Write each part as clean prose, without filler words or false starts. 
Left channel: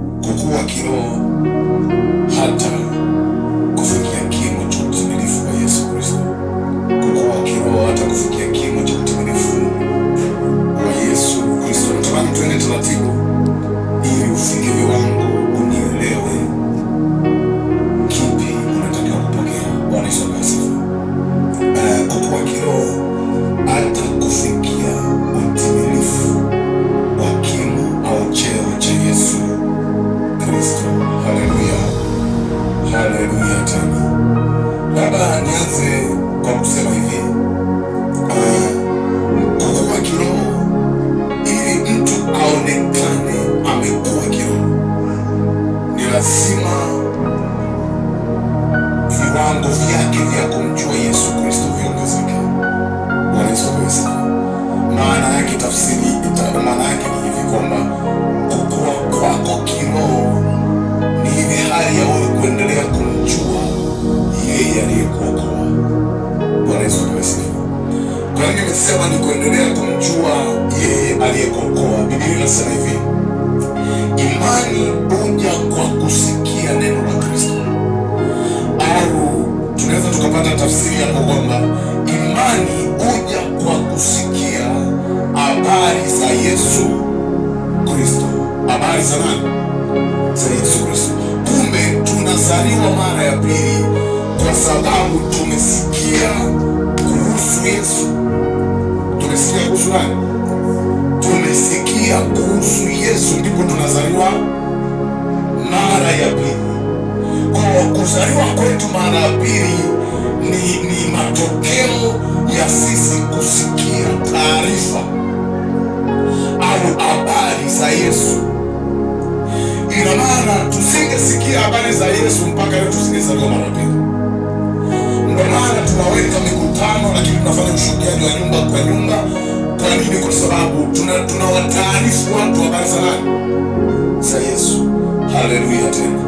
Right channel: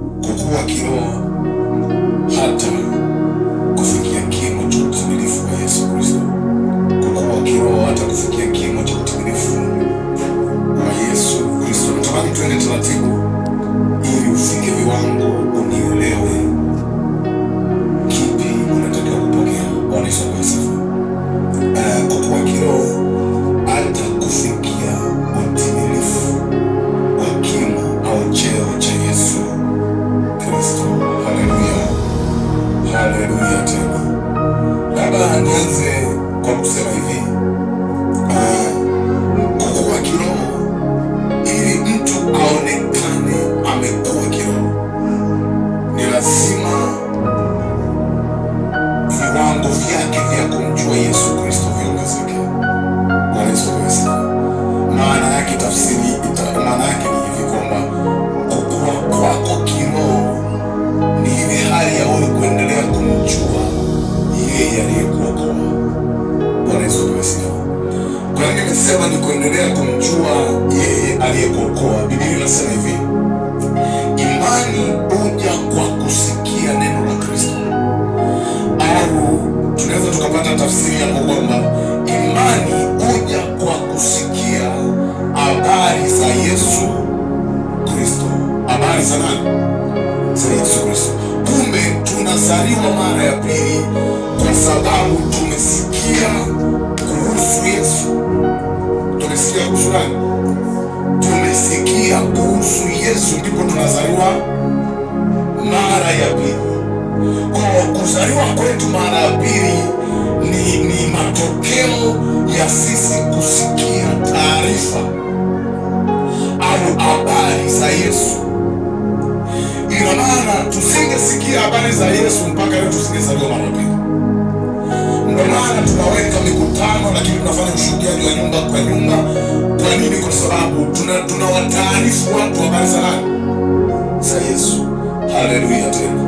kukua kiroho hata kufikia kimo cha utimilifu wa Yesu Kristo. Kukua kiroho hata kufikia kimo cha utimilifu wa Yesu Kristo. Natamani tuende taratibu ili ufike viwango unielewe kipi unatakiwa kupokea. Bwana Yesu asifiwe. Kukua kiroho hata kufikia utimilifu wa kimo au cheo cha Yesu Kristo. Haleluya. Haleluya tena. Labda nianze kwa kusema hivi. Kukua kiroho ili mtu aonekane amekuwa kiroho, ni lazima viwango vyake vya kumjua Yesu Kristo viongezeke. Bwana Yesu asifiwe. Maana yake maana yake ni hivi kwamba kukua kwako kiroho ni ile hali ya wewe kuendelea kumjua yeye aliyekuokoa. Bwana Yesu asifiwe. Kwa nini nimesema ni kuendelea kumjua yeye aliyekuokoa? Biblia inasema hivi, imani huja kwa kusikia neno la Kristo. Au tunaweza tukapata tafsiri hapo kwamba imani huja kwa kusikia habari za Yesu Kristo. Habari za nani? Za Yesu Kristo. Kumbe tunazaliwa mara ya pili kwa sababu tumesikia kuhusu Yesu. Tumesikia kuhusu nani? Tumesikia kuhusu Yesu, ndipo tunazaliwa mara ya pili. Kwa kuzaliwa kwetu mara ya pili ni matokeo ya sisi kusikia taarifa au habari za Yesu. Ina maana tusingesikia habari za Yesu mpaka leo tusingezaliwa mara ya pili. Ndio maana tunaweka mikutano lakini tunafanya ushuhudiaji wa nyumba kwa nyumba. Kwa nini? Kwa sababu tunawataarifu watu habari za nani? Za Yesu. Haleluya tena.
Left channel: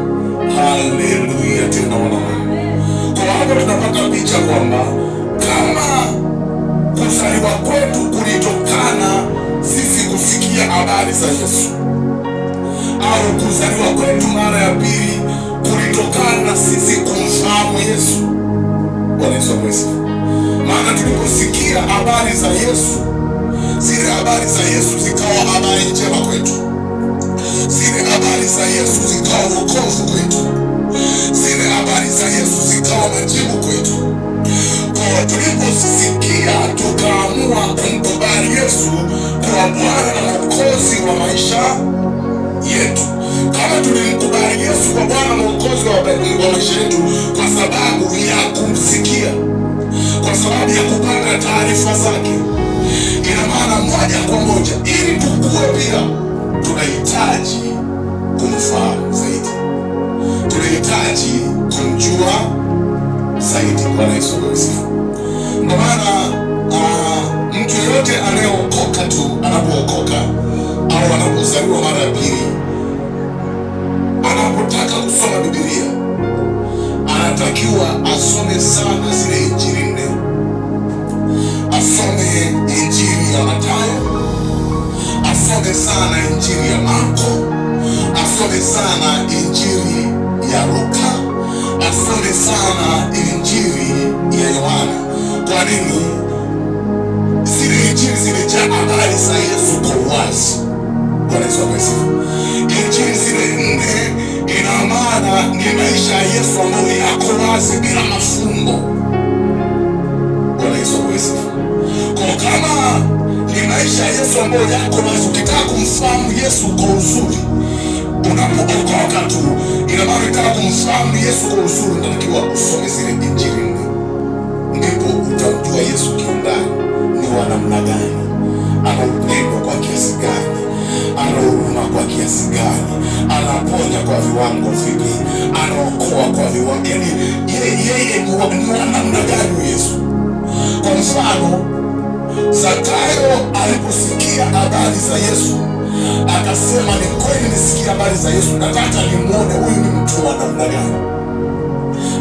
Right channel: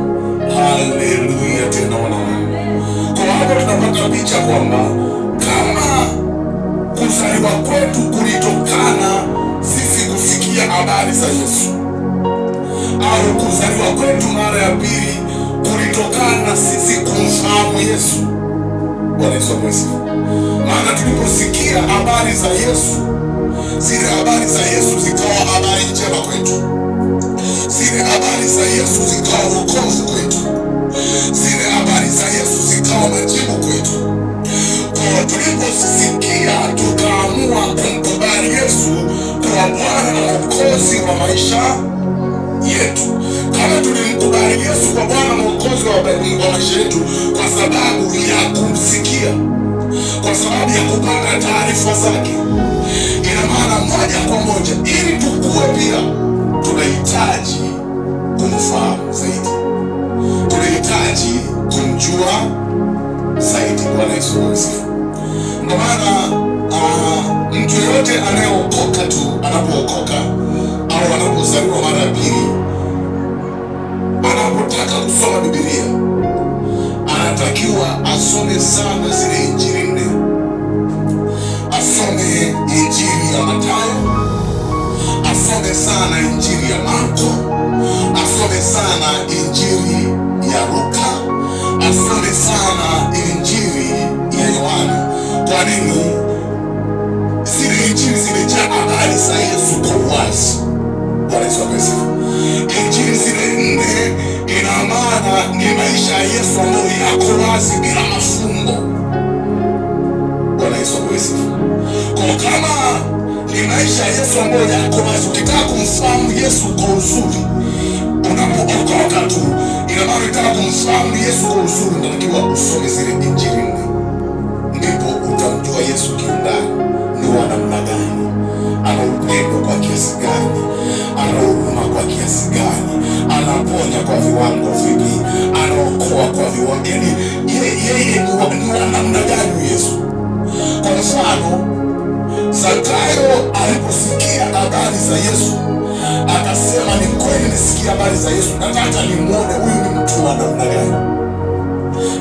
Haleluya tena wanamungu. Kwa hapo tunapata picha kwamba kama kuzaliwa kwetu kulitokana sisi kusikia habari za Yesu, au kuzaliwa kwetu mara ya pili kulitokana na sisi kumfahamu Yesu. Bwana Yesu asifiwe. Maana tuliposikia habari za Yesu, zile habari za Yesu zikawa habari njema kwetu. Zile habari za Yesu zikawa wokovu kwetu. Zile habari za Yesu zikawa majibu kwetu. Kwa tuliposikia tukaamua kumkubali Yesu kwa Bwana na Mwokozi wa maisha yetu. Kama tulimkubali Yesu kwa Bwana na Mwokozi wa maisha yetu kwa sababu ya kumsikia, kwa sababu ya kupata taarifa zake, ina maana moja kwa moja ili tukue pia tunahitaji kumfahamu zaidi. Tunahitaji kumjua zaidi. Bwana Yesu asifiwe. Ndio maana mtu yote anayeokoka tu, anapookoka au anapozaliwa mara ya pili, anapotaka kusoma Biblia, anatakiwa asome sana zile injili nne. Asome injili ya Mathayo, asome sana injili ya Marko, asome sana injili ya Luka, asome sana injili ya Yohana. Kwa nini? Zile injili zimejaa habari za Yesu kwa uwazi. Bwana Yesu asifiwe. Injili zile nne ina maana ni maisha ya Yesu ambayo yako wazi bila mafumbo. Bwana Yesu asifiwe. Kwa kama ni maisha ya Yesu ambayo yako wazi, ukitaka kumfahamu Yesu kwa uzuri, unapookoka tu, ina maana unataka kumfahamu Yesu kwa uzuri, unatakiwa usome zile injili nne. Ndipo utamjua Yesu kiundani, ni wa namna gani, ana upendo kwa kiasi gani, ana huruma kwa kiasi gani, anaponya kwa viwango vipi, anaokoa kwa viwango, yani yeye ni wa namna gani Yesu. Kwa mfano, Zakayo aliposikia habari za Yesu akasema, ni kweli nisikia habari za Yesu, nataka nimuone huyu ni mtu wa namna gani,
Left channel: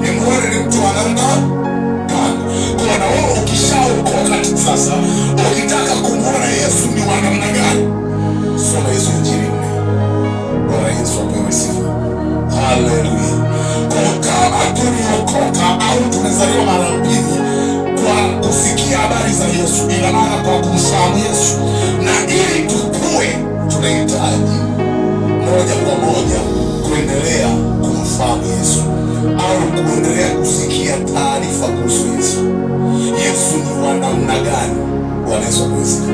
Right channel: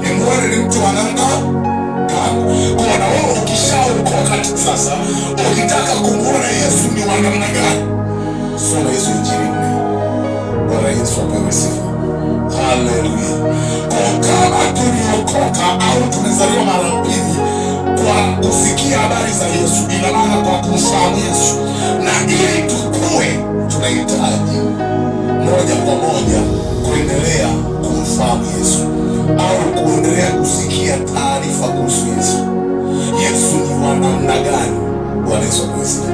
nimuone ni mtu wa namna gani. Kwa na wewe ukishaokoka sasa, ukitaka kumuona Yesu ni wa namna gani, soma hizo injili nne. Bwana Yesu apewe sifa. Haleluya. Kwa kama tuliokoka au tumezaliwa mara pili kwa kusikia habari za Yesu, ina maana kwa kumfahamu Yesu, na ili tukue tunahitaji moja kwa moja kuendelea kumfahamu Yesu au kuendelea kusikia taarifa kuhusu Yesu. Yesu ni wa namna gani? Bwana Yesu apewe sifa.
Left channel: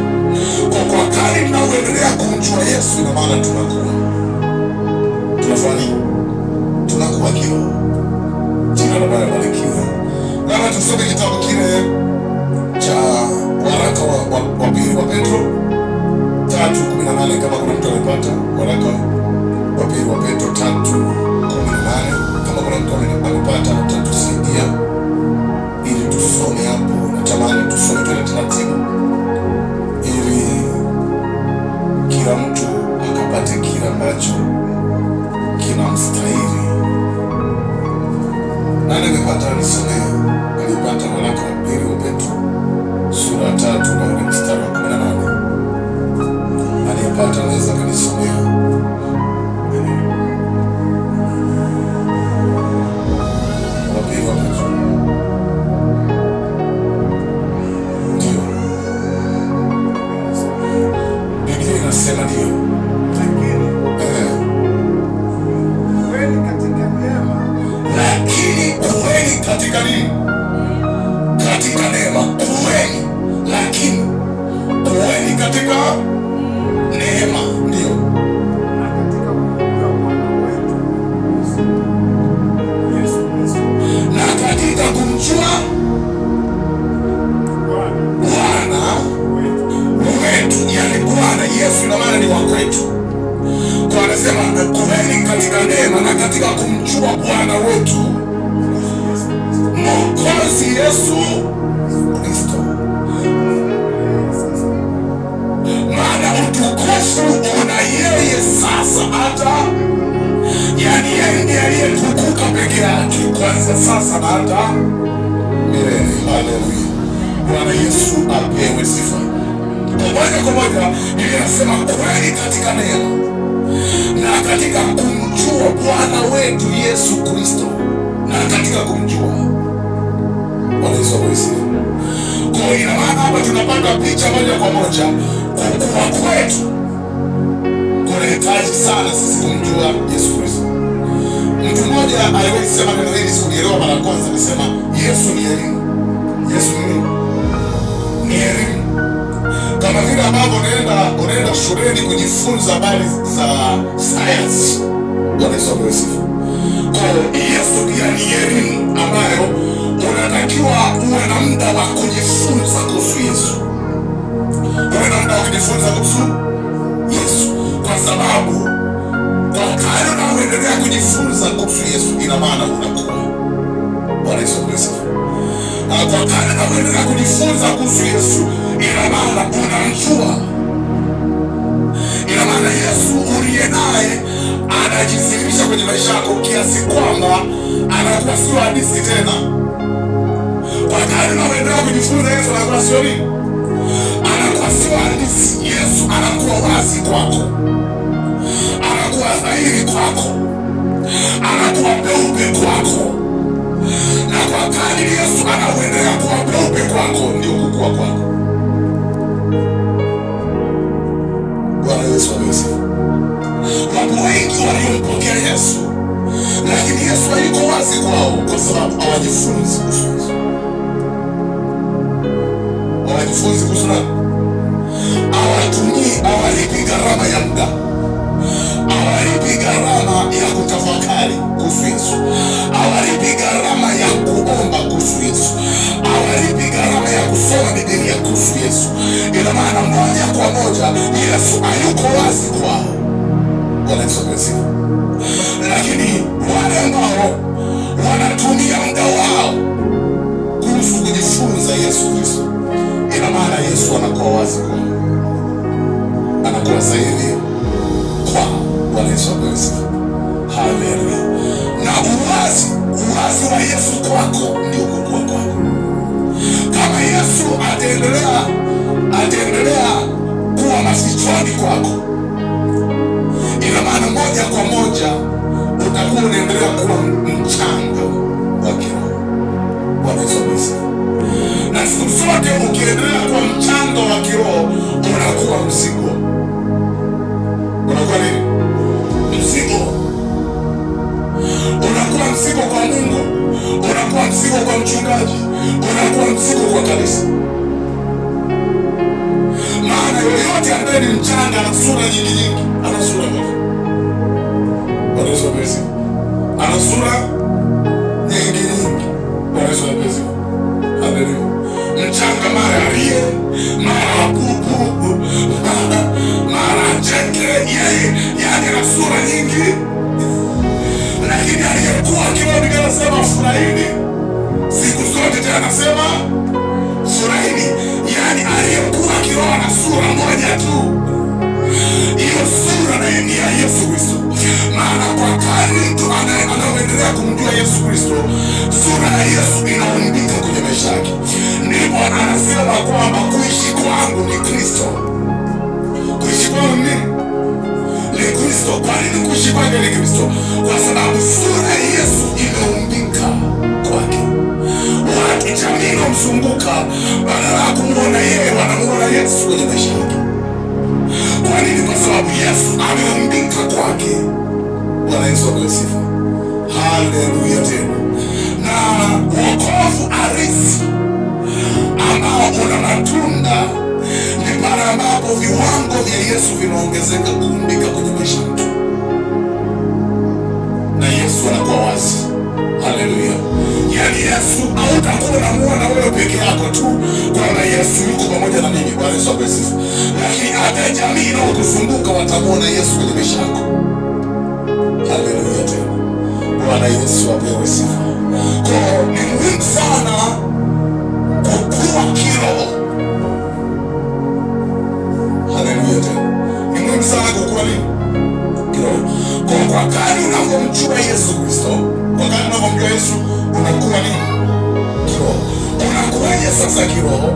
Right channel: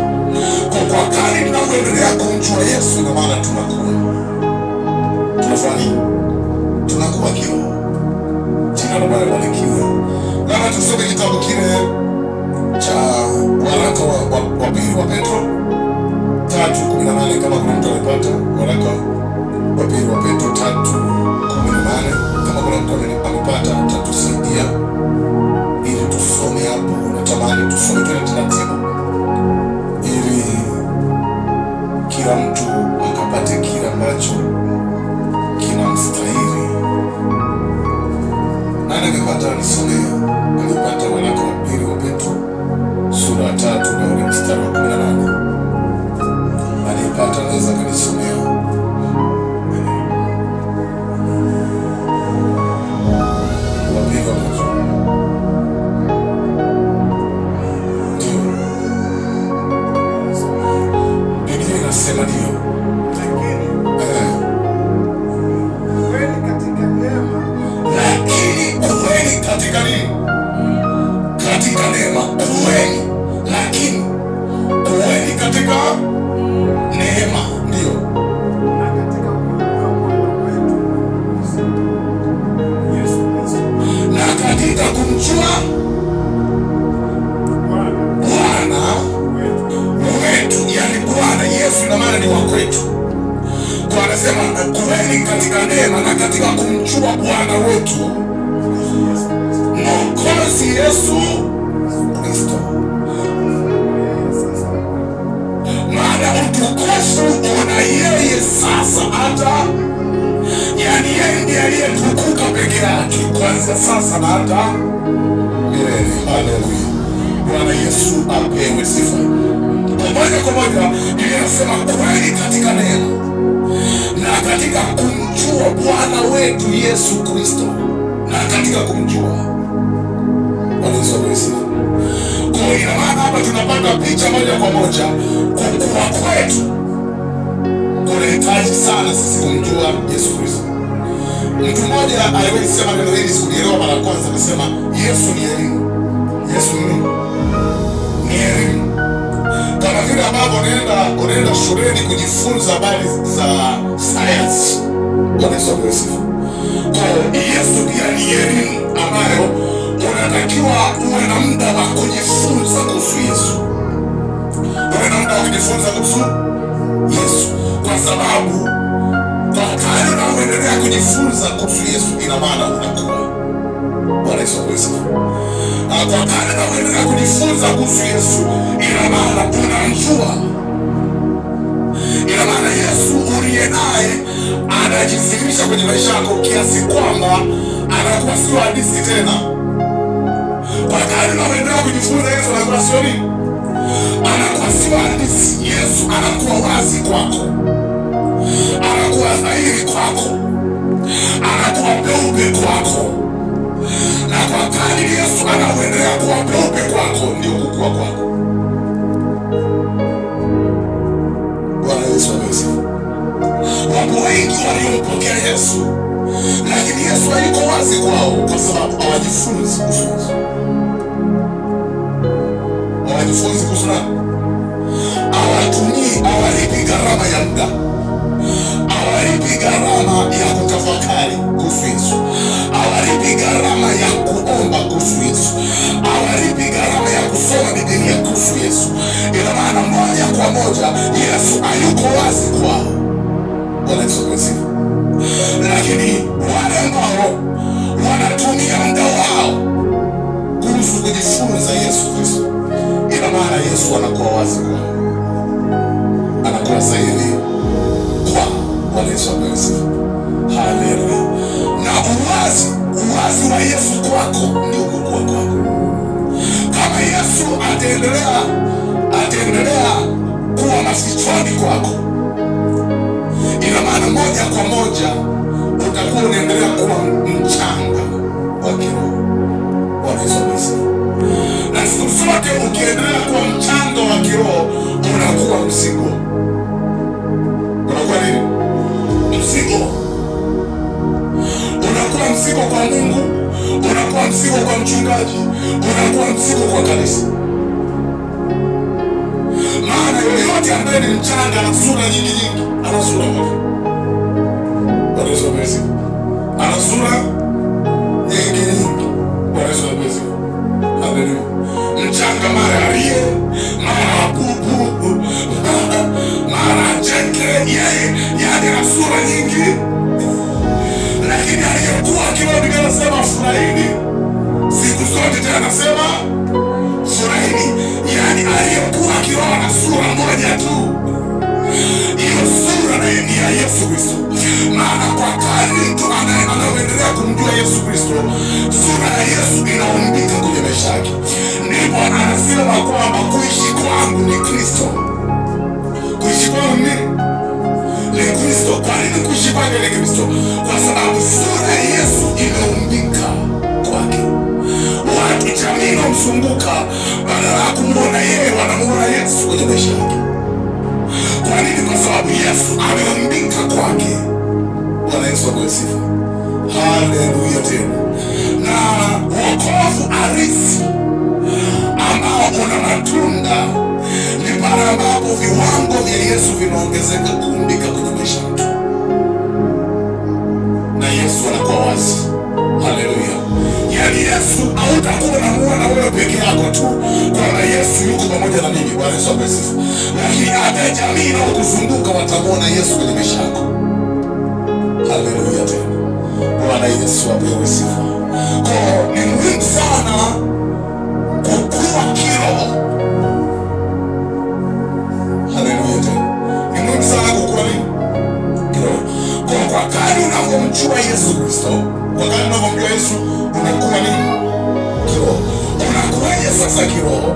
Kwa kadri tunavyoendelea kumjua Yesu, ina maana tunakuwa tunafanya nini? Tunakuwa kiroho. Jina la Bwana libarikiwe. Labda tusome kitabu kile cha waraka wa pili wa Petro 3:18 kama kuna mtu amepata. Waraka wa pili wa Petro 3:18 kama kuna mtu amepata, atatusaidia ili tusome hapo. Natamani tusome tena taratibu ili kila mtu akapate kila ambacho kinamstahili. Nani amepata nisomee? Alipata waraka wa pili wa Petro sura 3 na ule mstari wa 18. Alipata anaweza kanisomea. Wa pili wa Petro. Ndio. Biblia inasema ndio. Lakini kuweni katika nini? Katika neema. Kuweni, lakini kuweni katika neema. Ndio. Na katika kumjua Bwana wetu Yesu Kristo. Na katika kumjua Bwana wetu, yani Bwana Yesu na maana ni wa kwetu. Kwa anasema kuweni katika neema na katika kumjua Bwana wetu Mwokozi Yesu Kristo. Maana utukufu una yeye sasa hata, yani yeye ndiye aliyetukuka peke yake kuanzia sasa na hata milele. Haleluya. Bwana Yesu apewe sifa. Moja kwa moja Biblia inasema kuweni katika neema na katika kumjua Bwana wetu Yesu Kristo. Na katika kumjua Bwana Yesu apewe sifa. Kwa ina maana hapa tunapata picha moja kwa moja kukua kwetu kunahitaji sana sisi kumjua Yesu Kristo. Mtu mmoja aliwahi sema neno hili, sikulielewa mara kwanza, akasema Yesu ni elimu. Yesu ni elimu. Kama vile ambavyo unaenda shuleni kujifunza habari za science. Bwana Yesu apewe sifa. Kwa Yesu pia ni elimu ambayo unatakiwa uwe na muda wa kujifunza kuhusu Yesu. Uwe na muda wa kujifunza kuhusu Yesu, kwa sababu kwa kadri unaendelea kujifunza kuhusu Yesu, ina maana unakuwa. Bwana Yesu apewe sifa. Kwa kadri unaendelea kujifunza kuhusu Yesu, ina maana unamjua. Ina maana Yesu uliye naye anajidhihirisha kwenye maisha yako kiasi kwamba anakuwa sio hadithi tena. Kwa kadri unaendelea kujifunza Yesu, anakuwa sio nini? Anakuwa sio hadithi. Yesu anakuwa wazi kwako, anakuwa dhahiri kwako, anakuwa peupe kwako. Na kwa kadri Yesu anaendelea kuwa peupe kwako, ndio kukua kwako. Bwana Yesu apewe sifa. Wapo wengi waliompokea Yesu, lakini Yesu hayuko wazi kwao kwa sababu hawajifunzi kuhusu Yesu. Hawajifunzi kuhusu nani? Hawalipi gharama ya muda, hawalipi gharama ya kutafakari kuhusu Yesu, hawalipi gharama ya kuomba kuhusu Yesu, hawalipi gharama ya kusoma Biblia kuhusu Yesu. Ina maana moja kwa moja Yesu hayuko wazi kwao. Bwana Yesu apewe sifa. Lakini wale ambao wanatumia muda wao kuhusu kujifunza Yesu Kristo, ina maana Yesu anakuwa wazi kwao, anakuwa zaidi kwao. Bwana Yesu apewe sifa. Haleluya. Na uwazi wa Yesu kwako ndio kukua kwako. Kama Yesu ataendelea kuwa mafichoni kwako, ina maana moja kwa moja utakuwa unaendelea kuwa mchanga wa kiroho. Bwana Yesu asifiwe. Na siku zote ukiendelea kuwa mchanga wa kiroho unakuwa mzigo. Unakuwa nini? Mzigo. Unakuwa mzigo kwa Mungu, unakuwa mzigo kwa mchungaji, unakuwa mzigo kwa kanisa. Maana yoyote ambaye ni mchanga ana sura nyingi, ana sura moja. Bwana Yesu asifiwe. Ana sura nyingi. Bwana Yesu asifiwe. Haleluya. Mchanga mara aliye, mara bubu, mara cheke, yeye yani ana sura nyingi. Lakini aliyekuwa kiroho Biblia inasema furahini siku zote, tena anasema furahini. Yani aliyekuwa kiroho ana sura moja tu, hiyo sura na ni ya Yesu Kristo. Maana kwa kadri mtu anaendelea kumjua Yesu Kristo, sura ya Yesu inaumbika kwenye maisha yake. Ndipo anasema kwamba kuishi kwangu ni Kristo. Kuishi kwangu ni Kristo. Kwa nini kuishi kwake ni Kristo? Kwa sababu sura ya Yesu imeumbika kwake. Watu jamii inamzunguka, badala ya kumuona yeye wanamuona Yesu kwenye maisha yake. Kwa nini? Kwa sababu Yesu ameumbika kwake. Bwana Yesu asifiwe. Haleluya tena. Na wokovu halisi ambao una matunda ni pale ambapo viwango vya Yesu vinaongezeka kuumbika kwenye maisha yetu, na Yesu anakuwa wazi. Haleluya. Yani Yesu hautakuwa unamuona wewe peke yako tu kwamba Yesu yuko pamoja na mimi. Bwana Yesu asifiwe. Lakini hata jamii inayokuzunguka watamuona Yesu kwenye maisha yako. Haleluya tena. Bwana Yesu apewe sifa. Kwa ni muhimu sana kukua kiroho. Haleluya tena. Ni muhimu sana kukua nini? Kiroho. Kwa kadri unavyomjua Yesu Kristo, kwa kadri unavyomjua Yesu unakuwa nini? Kiroho. Unakuwaje sasa kiroho?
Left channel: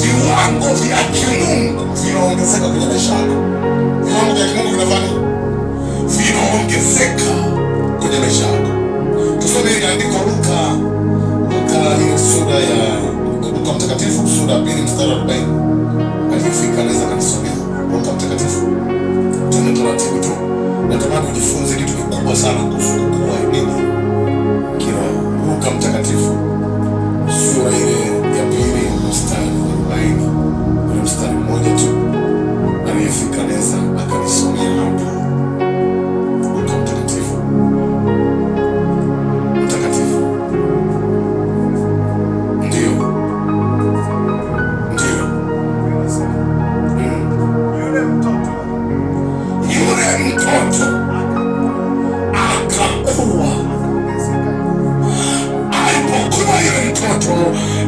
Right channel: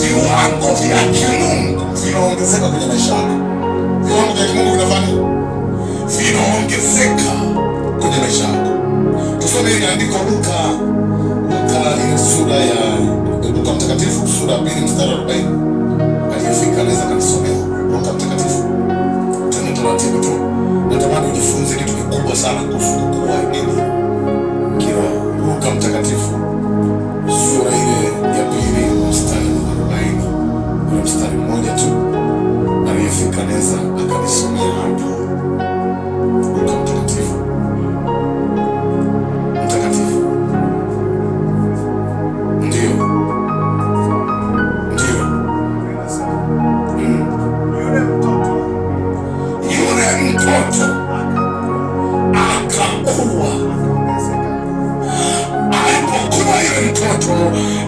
Viwango vya kimungu vinaongezeka kwenye maisha yako. Viwango vya kimungu vinafanya vinaongezeka kwenye maisha yako. Tusome ile andiko Luka ile sura ya Luka mtakatifu sura ya 2 mstari wa 40. Aliyefika anaweza kanisomea Luka mtakatifu. Tena taratibu tu. Natamani ujifunze kitu kikubwa sana kuhusu kukua nini? Kiroho. Luka mtakatifu sura ile ya 2 mstari wa 40. Ule mstari mmoja tu. Aliyefika anaweza akanisomea hapo. Luka mtakatifu. Ndio. Yule mtoto akakuwa. Alipokuwa yule mtoto,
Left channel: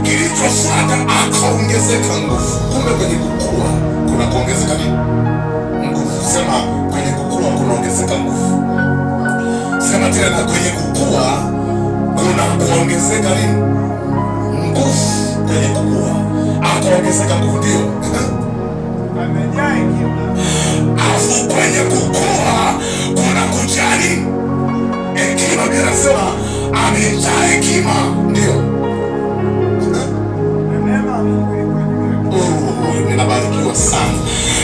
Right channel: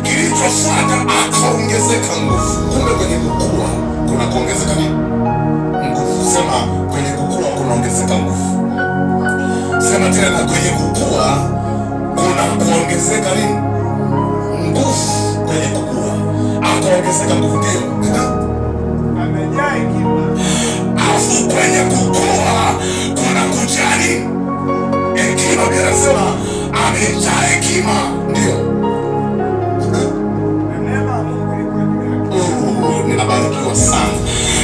kilichofuata akaongezeka nguvu. Kumbe kwenye kukua kuna kuongezeka nini? Nguvu. Sema kwenye kukua kunaongezeka nguvu. Sema tena, kwenye kukua kuna kuongezeka nini? Nguvu. Kwenye kukua akaongezeka nguvu. Ndio. Amejaa hekima. Afu kwenye kukua kuna kujali hekima. Biblia inasema amejaa hekima. Ndio. Na neema ya Mungu ilikuwa juu yake. Ninabarikiwa sana.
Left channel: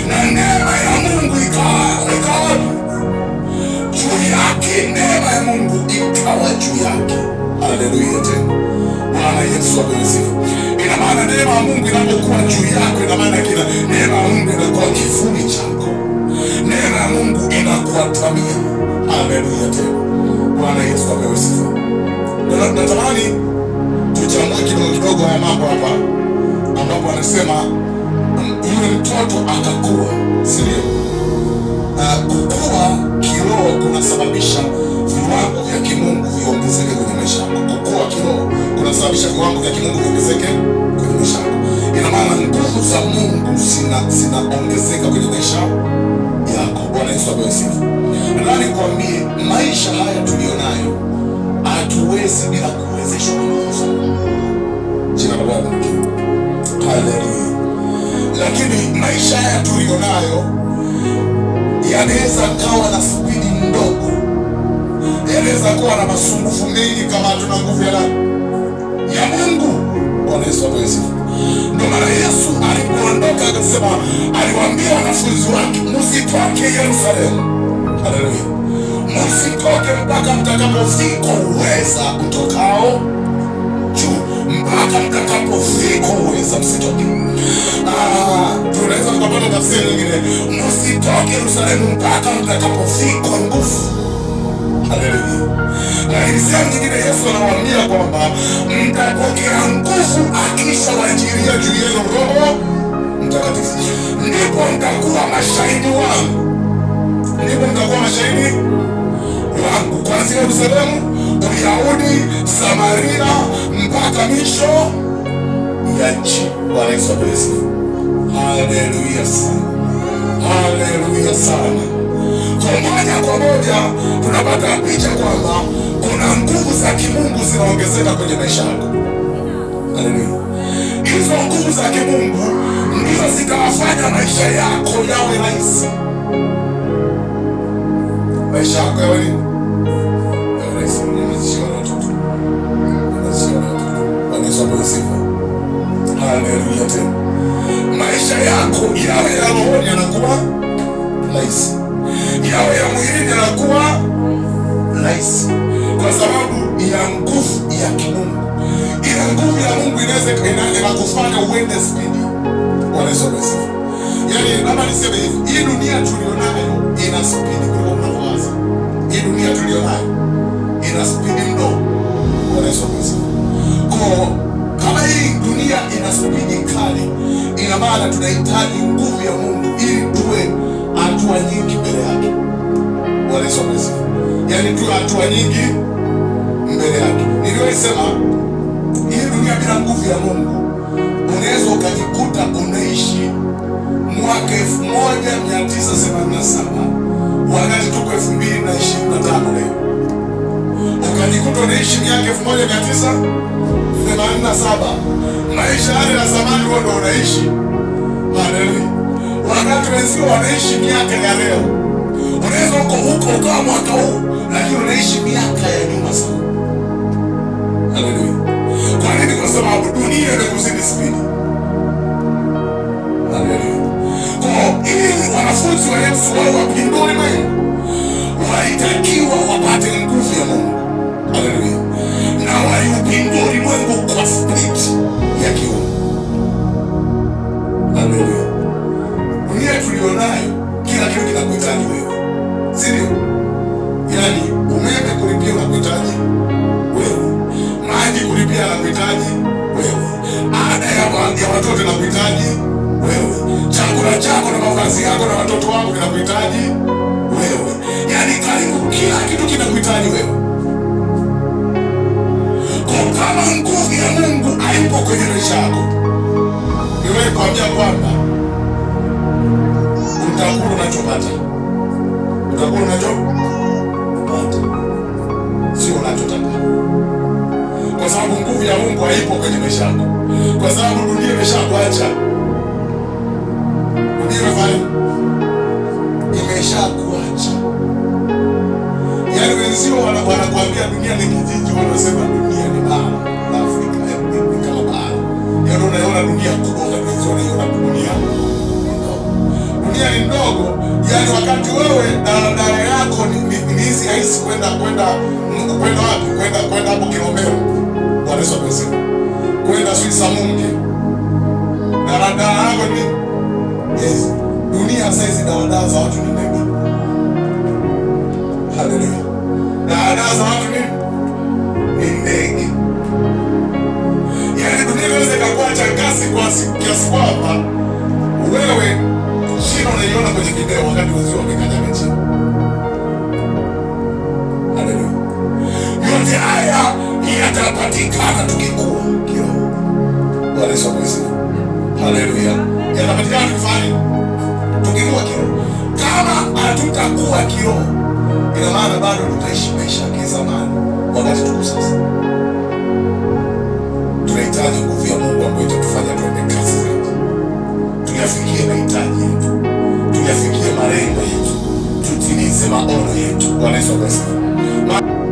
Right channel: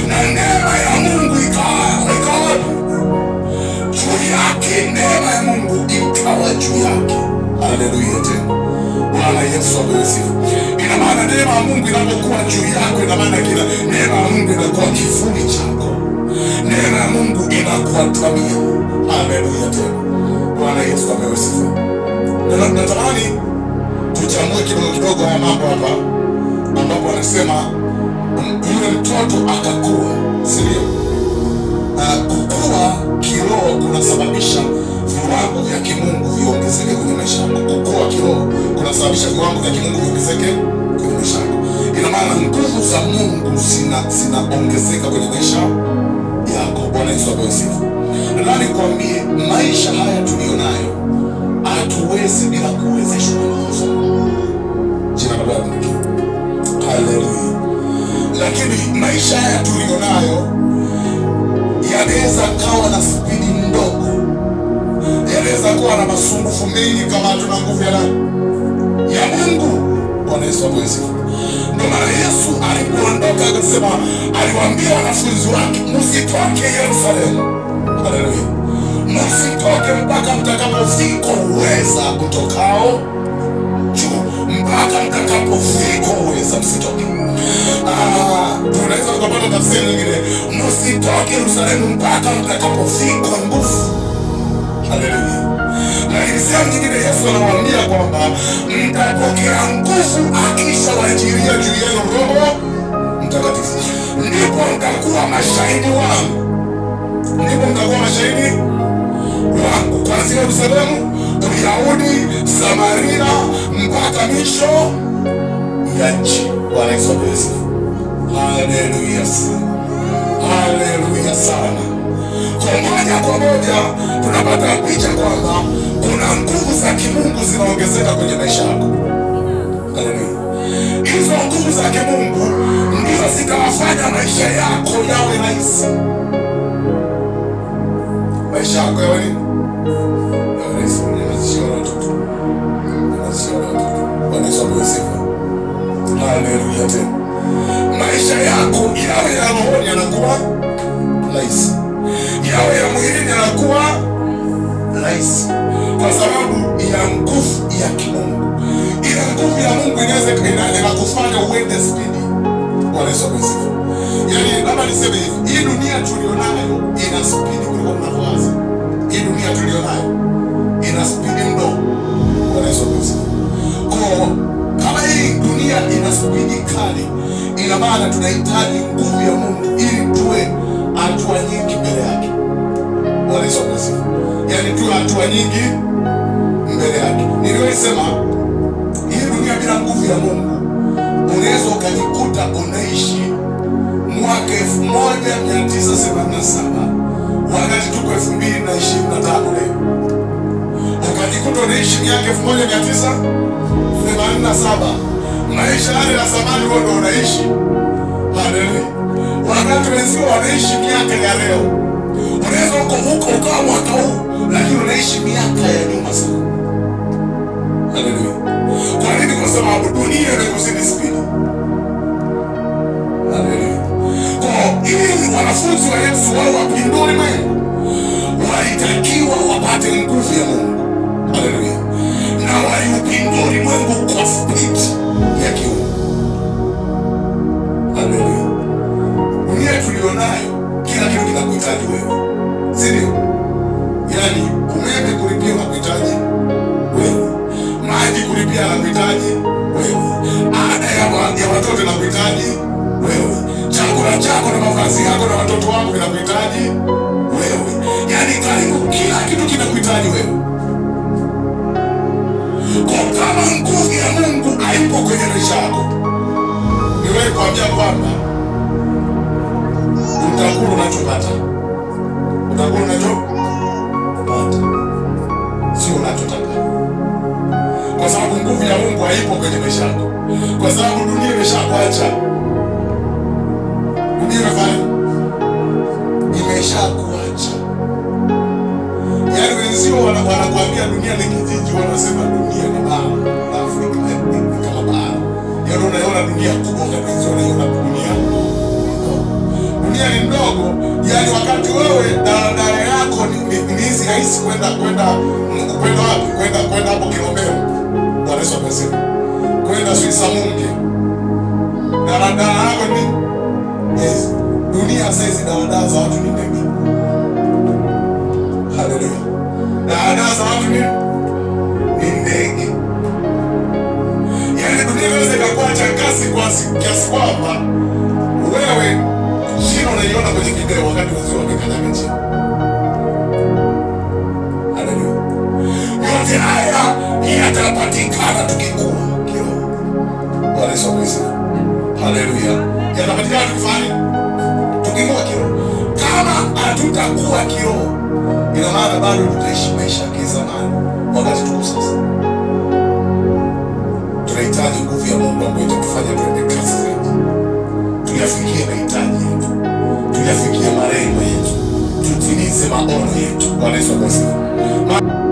Na neema ya Mungu ikawa juu yake. Neema ya Mungu ikawa juu yake. Haleluya tena. Bwana Yesu apewe sifa. Ina maana neema ya Mungu inapokuwa juu yako, ina maana kila neema ya Mungu inakuwa kivuli chako. Neema ya Mungu inakuatamia. Haleluya tena. Bwana Yesu apewe sifa. Natamani tuchambue kidogo haya mambo hapa, ambapo anasema yule mtoto akakuwa, si ndio? Kukua kiroho kunasababisha viwango vya kimungu viongezeke kwenye maisha yako. Kukua kiroho kunasababisha viwango vya kimungu viongezeke kwenye maisha yako. Ina maana nguvu za Mungu zinaongezeka kwenye maisha yako. Bwana Yesu apewe sifa. Nadhani kuambie maisha haya tulionayo hatuwezi bila kuwezeshwa na nguvu za Mungu. Jina la Bwana likiwa. Haleluya. Lakini maisha haya tulionayo yanaweza kawa na spidi ndogo, yanaweza kuwa na masumbufu mengi kama hatuna nguvu ya nani? Ya Mungu. Bwana Yesu apewe sifa. Ndio maana Yesu alipoondoka akasema, aliwaambia wanafunzi wake, msitoke Yerusalemu. Haleluya. Msitoke mpaka mtakapofika uweza utokao juu. Mpaka mtakapofika uweza, msitoke. Tunaweza tukapata tafsiri nyingine, msitoke Yerusalemu mpaka mtakapofika nguvu. Haleluya. Lakini sehemu nyingine Yesu anawaambia kwamba mtapokea nguvu akishawajilia juu yenu Roho Mtakatifu, ndipo mtakuwa mashahidi wangu. Ndipo mtakuwa mashahidi wangu kuanzia Yerusalemu, Uyahudi, Samaria mpaka misho ya nchi. Bwana Yesu asifiwe. Haleluya sana. Haleluya sana. Kwa moja tunapata picha kwamba kuna nguvu za kimungu zinaongezeka kwenye maisha yako. Haleluya. Hizo nguvu za kimungu ndizo zitawafanya maisha yako yawe rahisi. Maisha yako yawe nini? Yawe rahisi. Ninazishia watoto. Bwana Yesu asifiwe. Haleluya tena. Maisha yako yawe ya roho yanakuwa rahisi, yawe ya mwili yanakuwa rahisi, kwa sababu ya nguvu ya kimungu. Ile nguvu ya Mungu inaweza inakufanya uende spidi. Bwana Yesu asifiwe. Yaani labda niseme hivi, hii dunia tulionayo ina spidi kuliko mnavyowaza. Hii dunia tulionayo ina spidi mno. Bwana Yesu asifiwe. Kwa kama hii dunia ina spidi kali, ina maana tunahitaji nguvu ya Mungu ili tuwe hatua nyingi mbele yake. Bwana Yesu asifiwe. Yaani tuwe hatua nyingi mbele yake. Niliwaisema hii dunia bila nguvu ya Mungu unaweza ukajikuta unaishi mwaka 1987 wakati tuko 2025 leo. Ukajikuta unaishi miaka 1987. Maisha yale ya zamani wewe ndio unaishi. Haleluya. Wakati wenzio wanaishi miaka ya leo, unaweza huko ukawa mwaka huu lakini unaishi miaka ya nyuma sana. Haleluya. Kwa nini? Kwa sababu dunia imekuzidi spidi. Haleluya. Kwa ili wanafunzi wa Yesu wao wapindure Mungu, walitakiwa wapate nguvu ya Mungu. Haleluya. Na waliupindure Mungu kwa spidi ya kiungu. Haleluya. Dunia tulionayo kila kitu kinakuhitaji wewe. Si ndio? Yaani umeme kulipia unakuhitaji wewe. Maji kulipia unakuhitaji wewe. Ada ya watoto inakuhitaji wewe. Chakula chako na mavazi yako na watoto wako vinakuhitaji wewe. Yaani karibu kila kitu kinakuhitaji wewe. Kwa kama nguvu ya Mungu haipo kwenye maisha yako, niwewe kuambia kwamba utakula unachopata. Utakula unachopata, sio unachotaka. Kwa sababu nguvu ya Mungu haipo kwenye maisha yako. Kwa sababu dunia imeshakuacha. Dunia imeshakuacha. Yaani wenzio wanakuambia dunia ni kijiji, wanasema dunia ni bara la Afrika, ni kama bara. Yaani unaona dunia kubwa, wenzio wanaona dunia ndogo. Dunia ni ndogo, yaani wakati wewe daladala yako ni hizi rahisi kwenda wapi? Kwenda hapo Kilombero. Bwana Yesu asifiwe. Kwenda Suisa Munge. Daladala yako ni yes. Dunia sasa hizi daladala za watu ni ndege. Haleluya. Daladala za watu ni ndege. Yaani dunia inaweza ikakuacha kiasi kwamba wewe chini unaiona kwenye video wakati wenzio wamekanyaga chini. Haleluya. Yote haya yatapatikana tukikua kiroho. Bwana Yesu asifiwe. Haleluya. Yatapatikana tukifanya tukikua kiroho. Kama hatutakuwa kiroho, ina maana bado tutaishi maisha ya kizamani wakati tuko sasa. Tunahitaji nguvu ya Mungu ambayo itatufanya tuende kasi zaidi. Tuyafikie mahitaji yetu. Tuyafikie malengo yetu. tutimize maono yetu. Bwana Yesu asifiwe.